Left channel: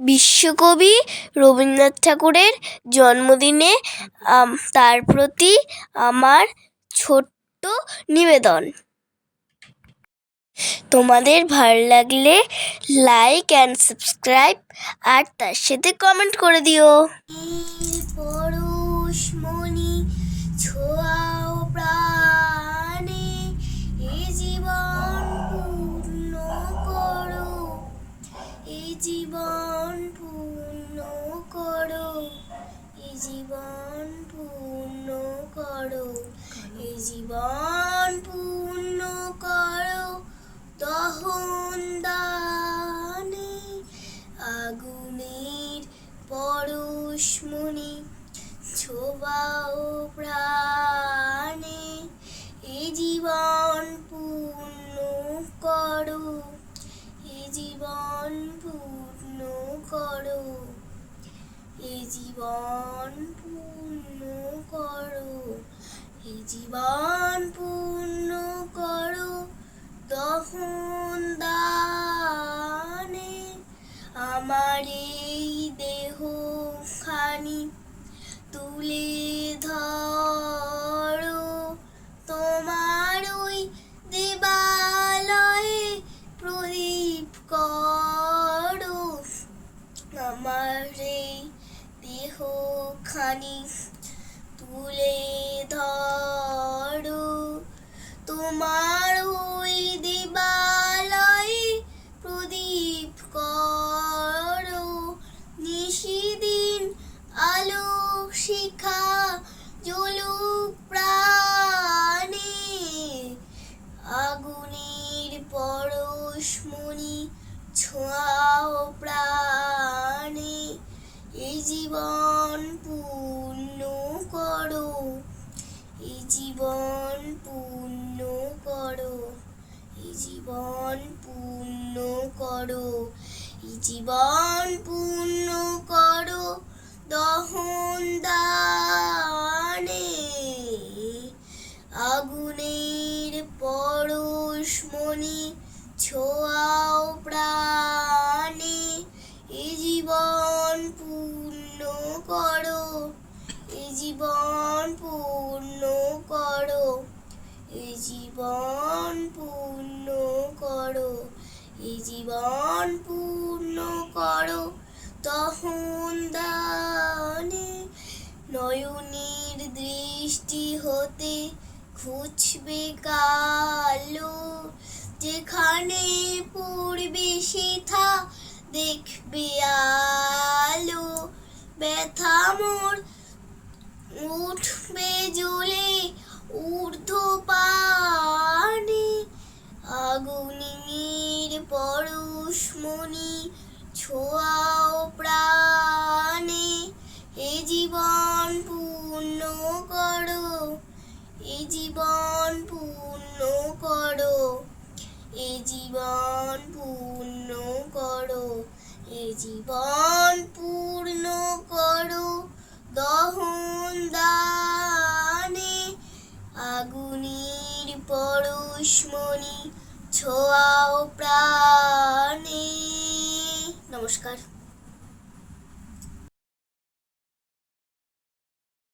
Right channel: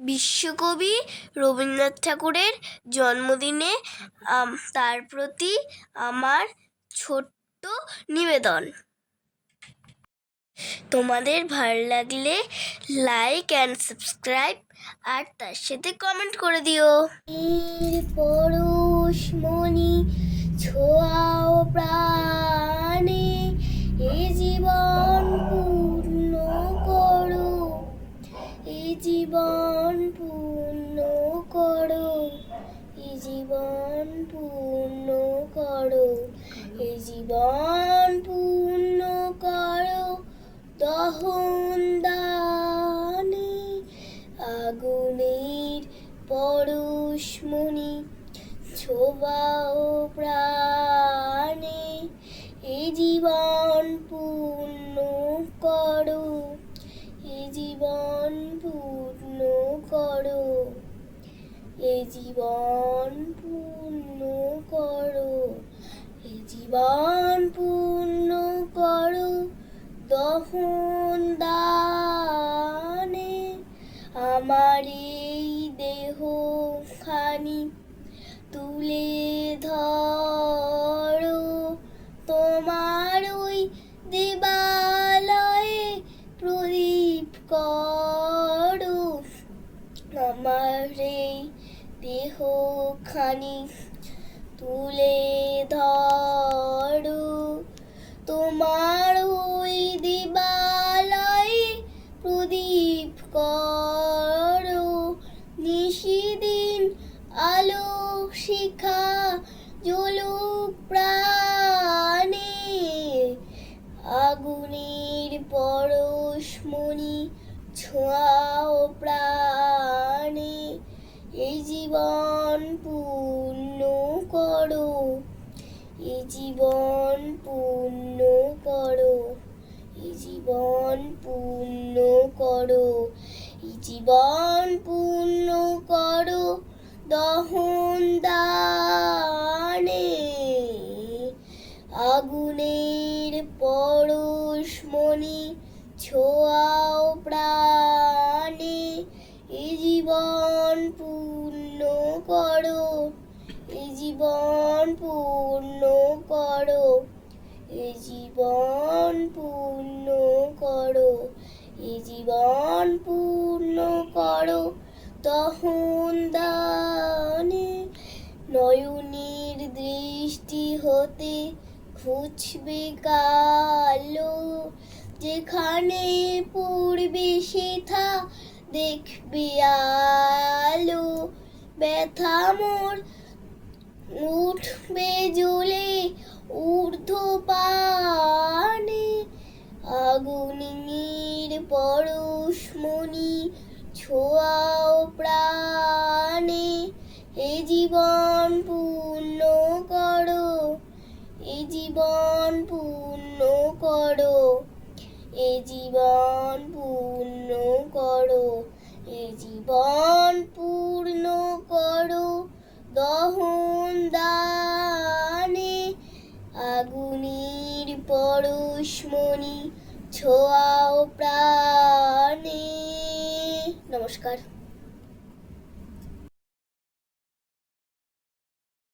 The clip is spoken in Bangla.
বিশ্বকবি রবীন্দ্রনাথ ঠাকুরের জন্মদিনে তার প্রতি আমার ছোট্ট নিবেদন। তোমাদের ভালো লাগলে লাইক অ্যান্ড সাবস্ক্রাইব আর তার সাথে কমেন্ট করে দিও। পরশ ছোঁয়াও প্রাণে, এ জীবন পূর্ণ করো। এ জীবন পূর্ণ করো এ জীবন পূর্ণ করো এ জীবন পূর্ণ করো দহন দানে আগুনের পরশমণি ছোবাও প্রাণে এ জীবন পূর্ণ করো, এ জীবন করো। এ জীবন পূর্ণ করো। এ জীবন পূর্ণ করো। দহন দানে আমার এই দেহ খানি তুলে ধরো। তোমার ওই দেবালয়ে প্রদীপ করো আমার দেহ খানি তুলে ধরো। তোমার ওই দিবালয়ে প্রদীপ করো। নিশিদিন আলো শিখা জলুক প্রাণে। আগুনের পরশমণি ছোঁয়াও প্রাণে এই জীবন পূর্ণ করো এই জীবন পূর্ণ করো এই জীবন পূর্ণ করো এই জীবন পূর্ণ করো, দহন দানে, আগুনের পরশমণি ছোঁয়াও প্রাণে এই জীবন পূর্ণ করো এই জীবন পূর্ণ করো এই জীবন পূর্ণ করো এই জীবন পূর্ণ করো, তখন দানে নয়নের দৃষ্টি হতে খুঁজবে কালো, যেখানে পড়বে সেথা দেখবে আলো। ব্যথা মোর উঠবে জ্বলে ঊর্ধ্ব পানে আগুনের পরশমণি এ জীবন পূর্ণ করো এ জীবন পূর্ণ করো এ জীবন পূর্ণ করো, দহন দানে আগুনের পরশমণি ছোঁয়াও প্রাণে। নমস্কার।